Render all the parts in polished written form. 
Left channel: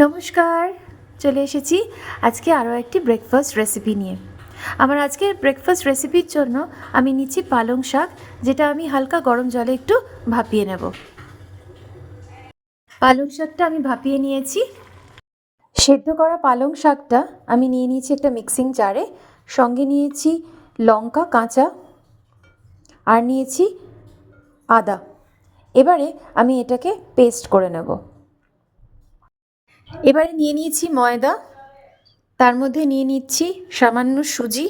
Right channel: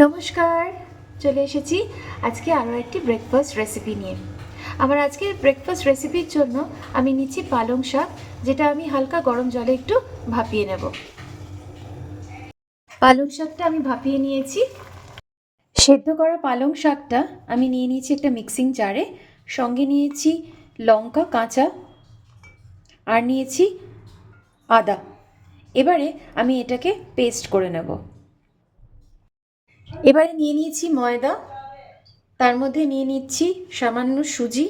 নমস্কার, চলে এসেছি আজকে আরও একটি ব্রেকফাস্ট রেসিপি নিয়ে। আমার আজকের ব্রেকফাস্ট রেসিপির জন্য আমি নিচ্ছি পালং শাক, যেটা আমি হালকা গরম জলে একটু ভাপিয়ে নেব। পালং শাকটা আমি ভাপিয়ে নিয়েছি। সেদ্ধ করা পালং শাকটা আমি নিয়ে নিয়েছি একটা মিক্সিং জারে, সঙ্গে নিয়েছি লঙ্কা কাঁচা আর নিয়েছি আদা। এবারে আমি এটাকে পেস্ট করে নেব। এবারে নিয়ে নিয়েছি ময়দা, তার মধ্যে নিয়ে নিচ্ছি সামান্য সুজি,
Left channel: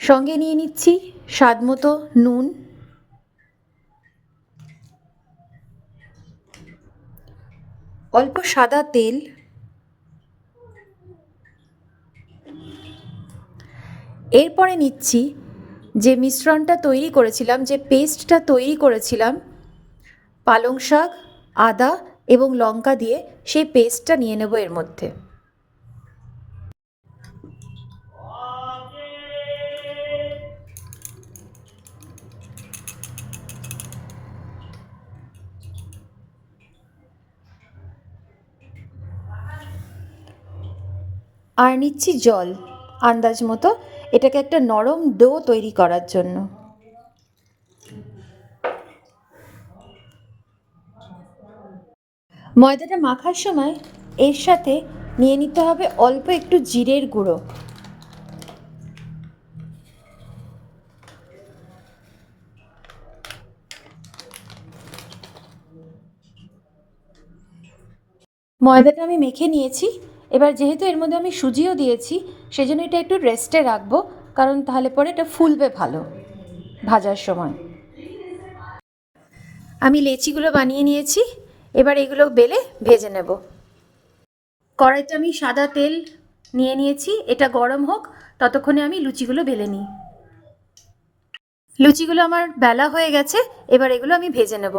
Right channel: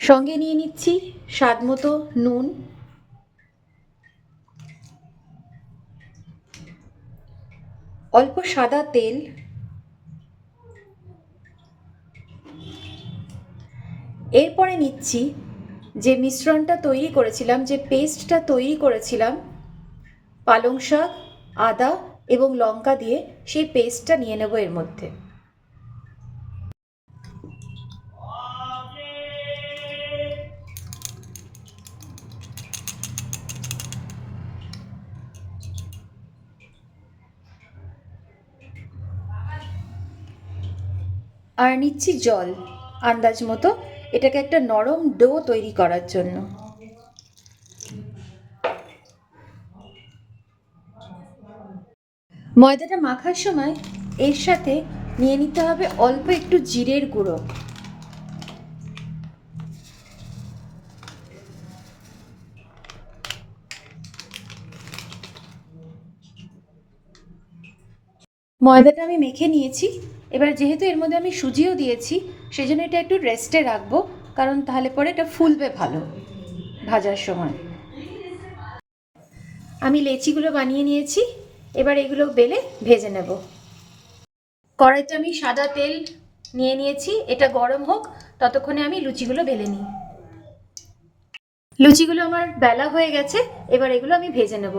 সঙ্গে নিয়ে নিচ্ছি স্বাদ মতো নুন, অল্প সাদা তেল, এরপরে নিচ্ছি যে মিশ্রণটা তৈরি করেছিলাম, যে পেস্টটা তৈরি করেছিলাম পালং শাক, আদা এবং লঙ্কা দিয়ে, সেই পেস্টটা নিয়ে নেব এর মধ্যে। আর নিচ্ছি জল আন্দাজ মতো, এটাকে একটা নরম ডো তৈরি করার জন্য। ময়দাটা মাখার সময় এর সাথে নিয়ে নিতে হবে অল্প একটু জিরের গুঁড়ো। ময়দাটা আমি মেখে নিয়েছি। এবার যেহেতু এর মধ্যে আমি সুজিও দিয়েছি, সেজন্য এটা একটু রেস্টে রাখবো, কারণ তাহলে পরে এটা ফুলবে ভালো ভাজার সময়। আমি লেচিগুলো বানিয়ে নিয়েছি, এবার এগুলো বেলে ভেজে নেব। কড়াইতে আমি সাদা তেল নিয়ে নিয়েছি, এটা গরম হোক, ততক্ষণে আমি লুচিগুলো বেলে নিই। লুচিগুলো আমার বেলা হয়ে গেছে, এবার এগুলো আমি ভেজে নেব।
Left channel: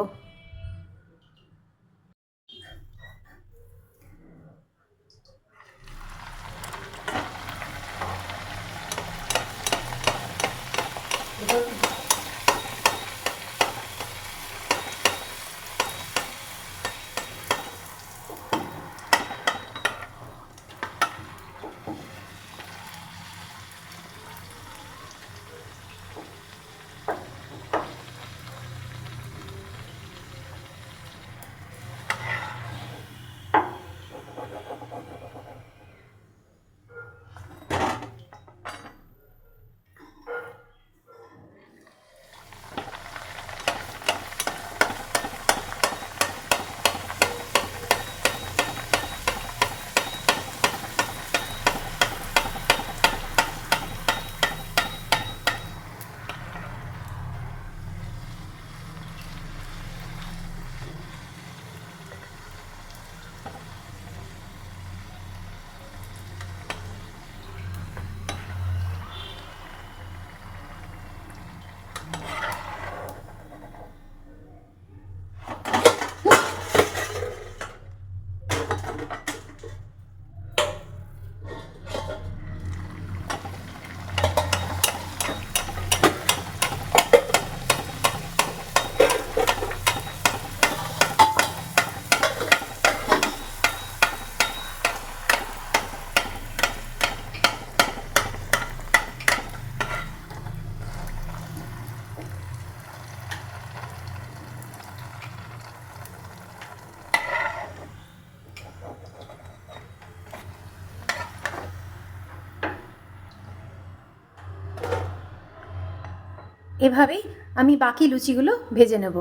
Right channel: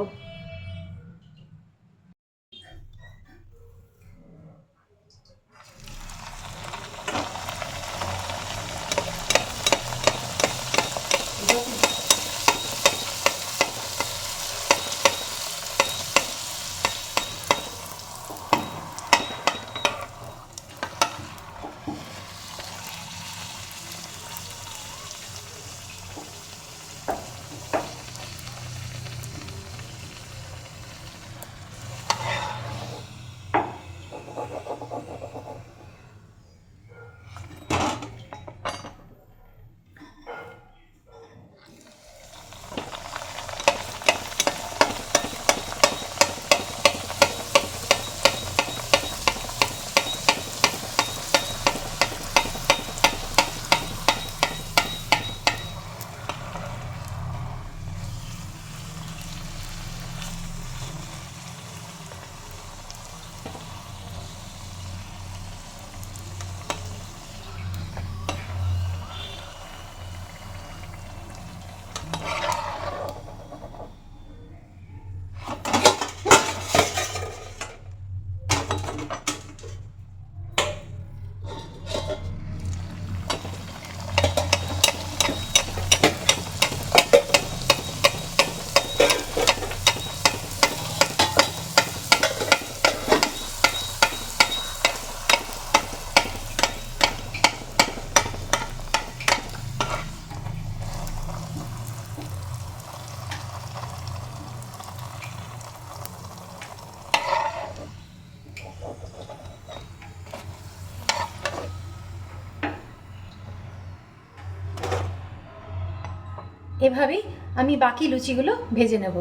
এভাবেই আমি বাকি লুচিগুলো ভেজে নেব।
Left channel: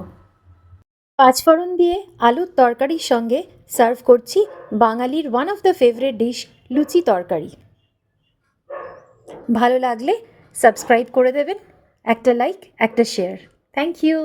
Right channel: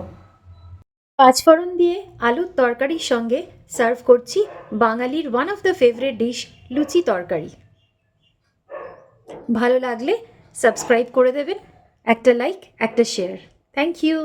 পাঁচফোড়ন দিয়ে আলুর তরকারির সঙ্গে সার্ভ করছি বাঙালির one of the favourite dish, লুচি তরকারি। ভালো লাগলে সাবস্ক্রাইব করে দেবেন, একটা লাইক, একটা শেয়ার। Thank you.